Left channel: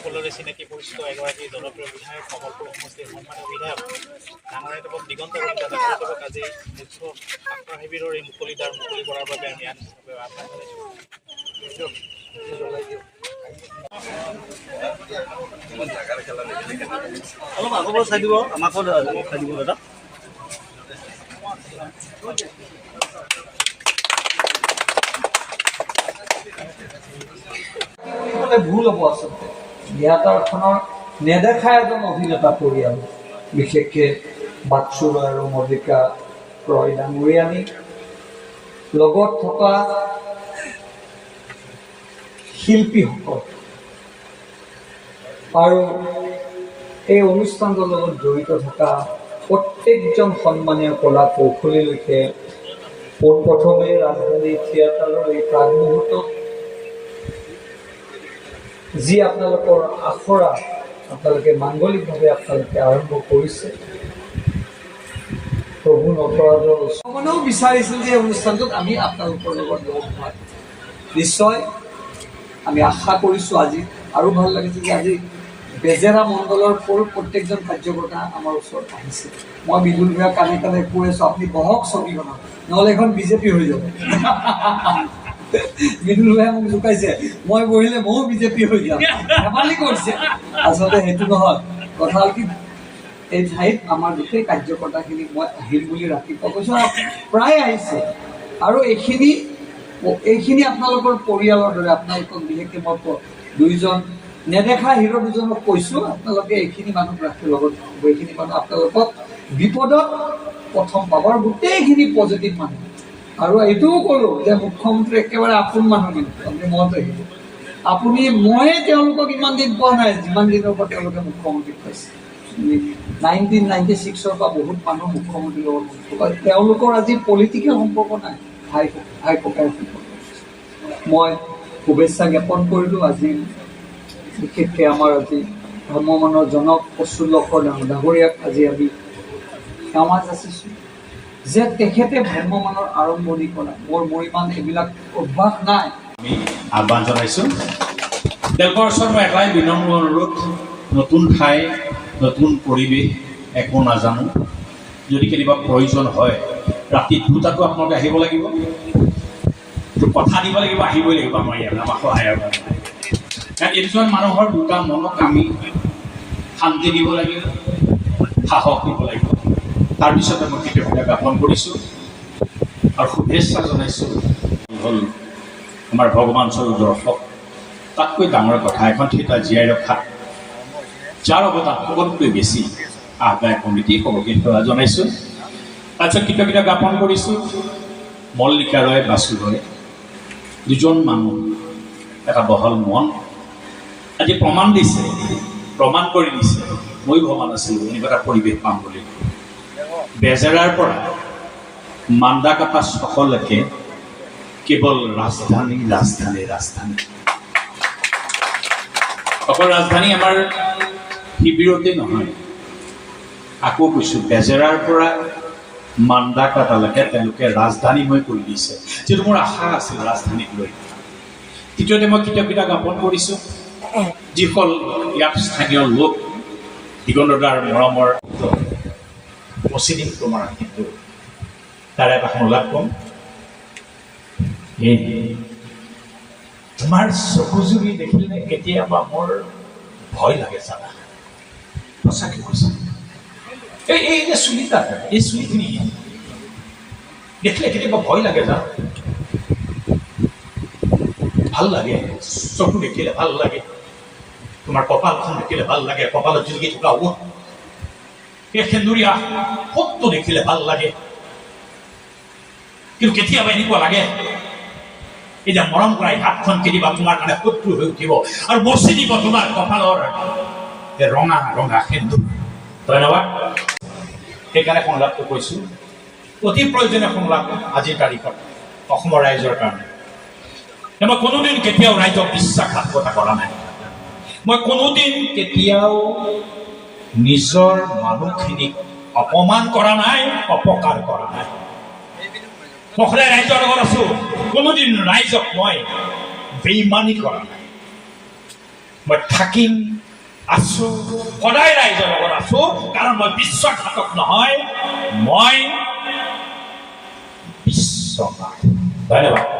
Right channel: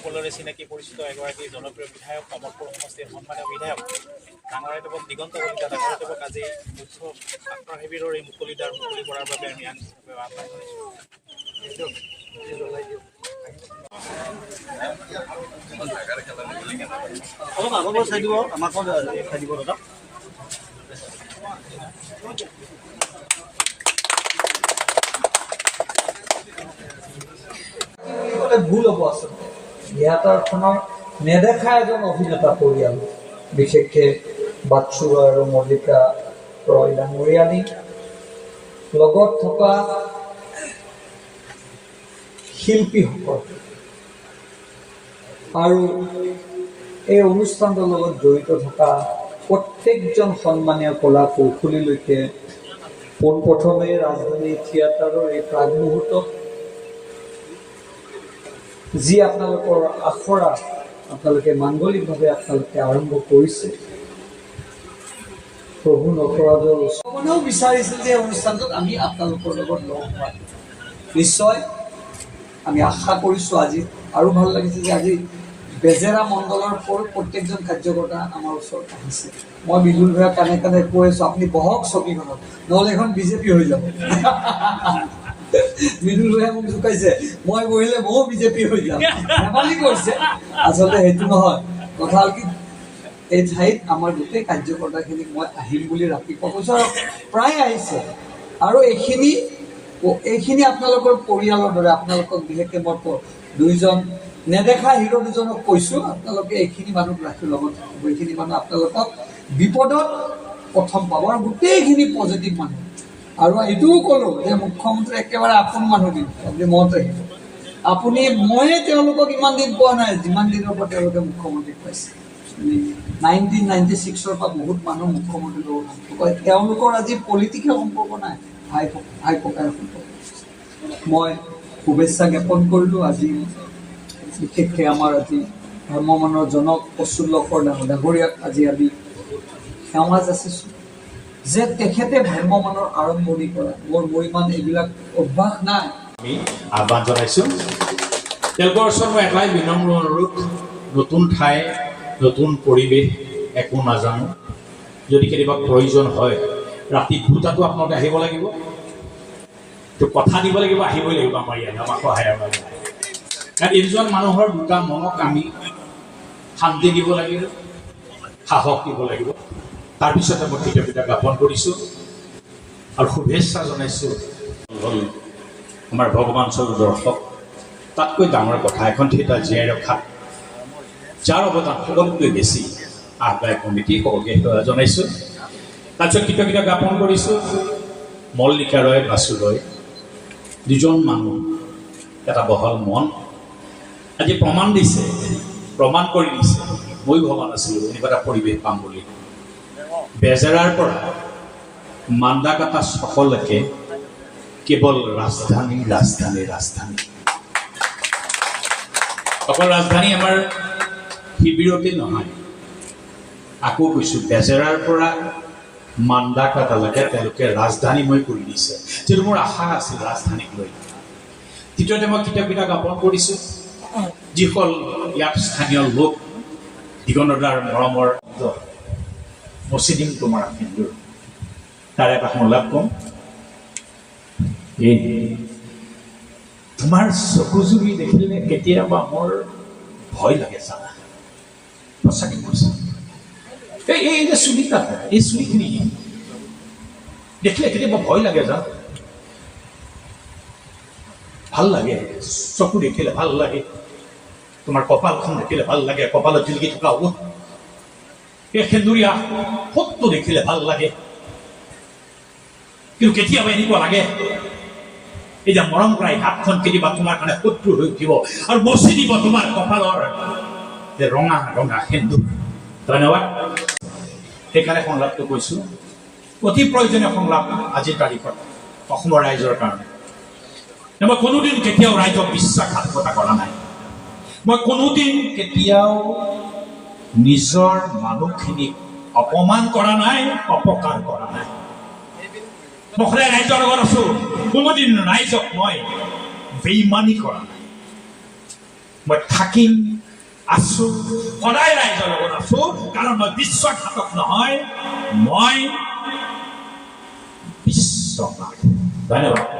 সকলোৰে চিনাকি পৰিচিত এগৰাকী জনপ্ৰিয় বিধায়ক কমলপুৰ সমষ্টিৰ সন্মানীয় বিধায়ক ডাঙৰীয়াদেৱক দিগন্ত কলিতা ডাঙৰীয়াদেৱক আজি মুখ্য স্বাস্থ্য শিবিৰৰ এই মুকলি কৰাৰ বাবে আমি আনুষ্ঠানিকভাৱে আহ্বান জনাইছোঁ। অলপ আগৰ চাই দিব আমাক চাই দিব দাদা। ভুল হ'ব আচলতে জ্ঞাতাৰখনৰ নেদেখা এজন অভিনেতা পৰিয়াল, বিশেষকৈ বাচ্চু ৰয় আৰু মল্লিকা ৰয় ডাঙৰীয়ানী লগত থকা শিল্পীসকল আৰু এই অনুষ্ঠানটোৰ লগত জড়িত থকা প্ৰত্যেকজন সন্মানীয় কলা কৌশলীলৈকে পোনপ্ৰথমে ৰাজধানী থিয়েটাৰৰ এই প্ৰাগ মুহূৰ্তত যি আপোনালোকৰ আখৰা আপোনালোকে মাংগলিকভাৱে আপোনালোকে আৰম্ভ কৰিছে, প্ৰভু নটৰাজৰ ওচৰমানেও বিচাৰিছিল যে অনুষ্ঠানটোত আমি আপোনালোকৰ লগত লগ পাই নিশ্চয় আমি আশা কৰিছোঁ। আজি আৰু ভাল লাগিছে যে আজি বেজেৰা মণ্ডলৰ প্ৰত্যেকজন কাৰ্যকৰ্তা আমাৰ ওচৰত আহিছে। মই বিদুল ভূঞা কাণে কাণে কৈ আছোঁ, আপুনি বহক ছবিখনত, নহ'লে এখন বিজেপি হৈ যাব। বিদুল ভূঞাই মোক জোকাইছে, মই বহিলে ময়ো বিজেপি হৈ যাম, ধেমালি কৰিছে। আচলতে সেইটো নহয়, কথা হ'ল কি এই ঠাইত আমাৰ গোটেই কাৰ্যকৰ্তাখিনিক মই আহিম বুলি ৰাতিপুৱা কৈছোঁ, প্ৰায় আহিছে। আৰু এইখিনি আপোনালোকৰ পৰিয়ালৰ দৰে, আপোনালোকক বিশেষকৈ মই দুইজন নেদেখা হিৰো দুজনক কৈছোঁ, আপোনালোকে এইখিনি মানুহ ৰাখি লগত থাকিব। এইখিনি মানুহ আপোনালোকক বিপদত প্ৰথম পাব আৰু গোটেইখিনি পজিটিভ মানুহ। আৰু এইটোও ক'লোঁ যে মুখ্যমন্ত্ৰী একেবাৰে আপোন মানুহ দিম, আপুনি মনত ৰাখিব। ময়ে তেওঁলোকক ইমান দিন পোৱা নাই যিমান দিনৰ পৰা তেওঁলোকে মুখ্যমন্ত্ৰীক পাইছে। 1996 পৰা বহুত মানুহ মুখ্যমন্ত্ৰীৰ লগত সম্পৰ্ক, তেওঁলোকৰ আজি পলিটিকেল সম্পৰ্ক নাই, ভাই ককাইৰ সম্পৰ্ক। মই শুভেচ্ছা জ্ঞাপন কৰিলোঁ। আজি বিশেষকৈ আমাৰ আজি ভ্ৰাম্যমানৰ জনক প্ৰচুল্লকৰ ডাঙৰীয়াক আজি আমি সেৱা যাচিছোঁ যে তেখেতে ভ্ৰাম্যমানৰ আৰম্ভণি কৰা। মোৰ ইমান এইবিলাক অভ্যাস নাই। আমি আহ্বান জনাইছোঁ। তেওঁলোকৰ ওচৰত মই এটাই বিনম্ৰ অনুৰোধ, নতুন ঠাই, নতুন পৰিৱেশ, একো নাজানো, যদি কেতিয়াবা প্ৰয়োজন হয় ৰাতি 2টাতো আপোনালোকে আহিব লাগিব, কথা দিব লাগিব, আহিবই লাগিব আমাৰ ইয়ালৈ, আমাক সহায়ৰ কাৰণে। কাৰণ এইজন মানুহৰ দুটা মনক আমি শান্তি দিব লাগিব, সাহস দিব লাগিব। তাৰপিছতে মই কৃতজ্ঞতা জ্ঞাপন কৰিছোঁ আৰু শুভেচ্ছা জনাইছোঁ। হ'ল আমাৰ ভগৱান স্বৰূপ দৰ্শক, তাতকৈ ডাঙৰ কথা এখন থিয়েটাৰ জীয়াই ৰখাত যাৰ অৱদান সকলোতকৈ বেছি, আহ্বায়ক কমিটি সকলোকে সেৱা জনাইছোঁ। তাৰপিছত কৃতজ্ঞতা জ্ঞাপন কৰিছোঁ মল্লিকা ৰয়, বাচু ৰয়, দুজন মানুহ, এটা বহল মন, আজি প্ৰমাণ দিছে, প্ৰমাণ কৰি দিছে। মই ভবা নাছিলোঁ এনেকুৱা এটা পৰিৱেশ পাম বুলি। বেজেৰাৰ পৰা মান্দাকাটা চকলৈকে কেৱল ৰাজধানী, অকল ৰাজধানী আমাৰ শিবিৰতে নহয়, আকৌ কৈছোঁ বেজেৰাৰ পৰা মান্দাকাটালৈকে তেওঁলোকে ৰাজধানীময় কৰি দিছে, যিটো মোৰ আশা আছিল ৰাজধানীক লৈ। দ্বিতীয়তে মই কৃতজ্ঞতা জ্ঞাপন কৰিছোঁ যিসকল ইয়াত স্থানীয় লোক, দিগন্তদাৰ মৰমৰ প্ৰচিডিং তোমাৰ কিন্তু তাৰে এটা সংলাপ ক'ম। তোমাৰ চকুজুৰি দেখিলে কেতিয়াবা মোৰ ভয় লাগে জানা, সঁচাকৈ কৈছা। এই যে চুলিটা, এই চুলিখিনি দেখিলে কেতিয়াবা ভয় লাগে জানা, ভাল লাগে, চকু দেখিলে ভাল লাগে, তোমাৰ কপালখন দেখিলে ভাল লাগে, কপালত জিলকি থকা হ'ব, এই সেন্দুৰীয়া সত্য দেখিলে ভাল লাগে। কিন্তু কেতিয়াবা এনেকুৱা লাগে এই যে মৰম কৰা হাতখন কেতিয়াবা তোমাৰ কাৰণে শত্ৰু হৈ উঠিব আৰু মচি দিব তোমাৰ কপালৰ ৰঙা ৰঙা সেন্দুৰ। ধন্যবাদ। সেইকাৰণে সংলাপটো কৈছোঁ, অতি প্ৰয়োজনীয় সংলাপ আজিৰ তাৰিখত অসমৰ ৰাইজৰ কাৰণে। মই কোনোদিন কেতিয়াও ৰাইজক বিশ্বাসঘাতকতা কৰা নাই, মই কোনোদিন কেতিয়াও নিজৰ মানুহখিনিক অপমান কৰা নাই, অপকাৰ কৰা নাই। মই সদায় ৰাইজৰ লগত আছোঁ, কোনোদিন ৰাইজক মই বেইমানি কৰা নাই। মই থাকিম, আছো, সদায় ৰাইজৰ লগত আছো, কাৰণ মই বিশ্বাসঘাতক নহয়, মই বিশ্বনাথ। ধন্যবাদ।